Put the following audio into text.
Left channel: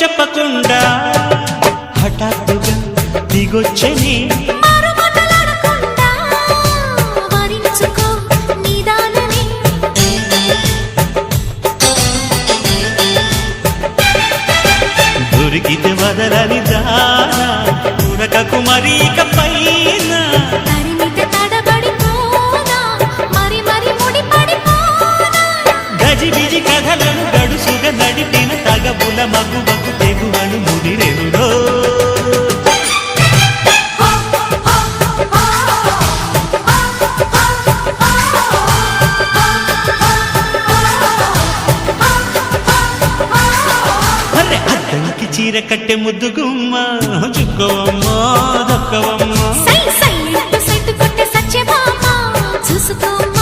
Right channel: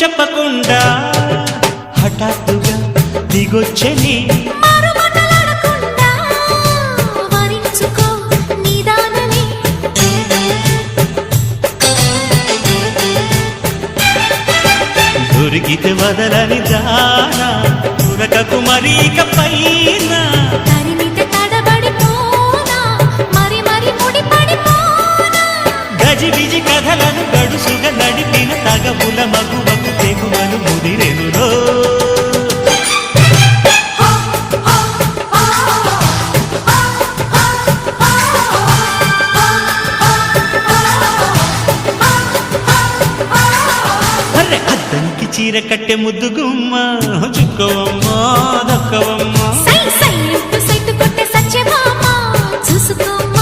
చెప్పకుండా హఠాత్తుగా దిగొచ్చని దొరికితే వదలని దానా ఉరకకు మరీక పైన తరిమితే తడబడిపోనా మరి మరి ముడిపడిపోనా గజిబిజి కథలను గడుసుగా నడిపిన తగవుల మగువకు తెగువను ముదిరెనురో అద్దంకి చీర కట్టె ముద్దు గుమ్మ చుక్కవమ్మ దక్కవమ్మ సై సై సైటు కొట్టే సత్యభామ చూసుకోమ్మ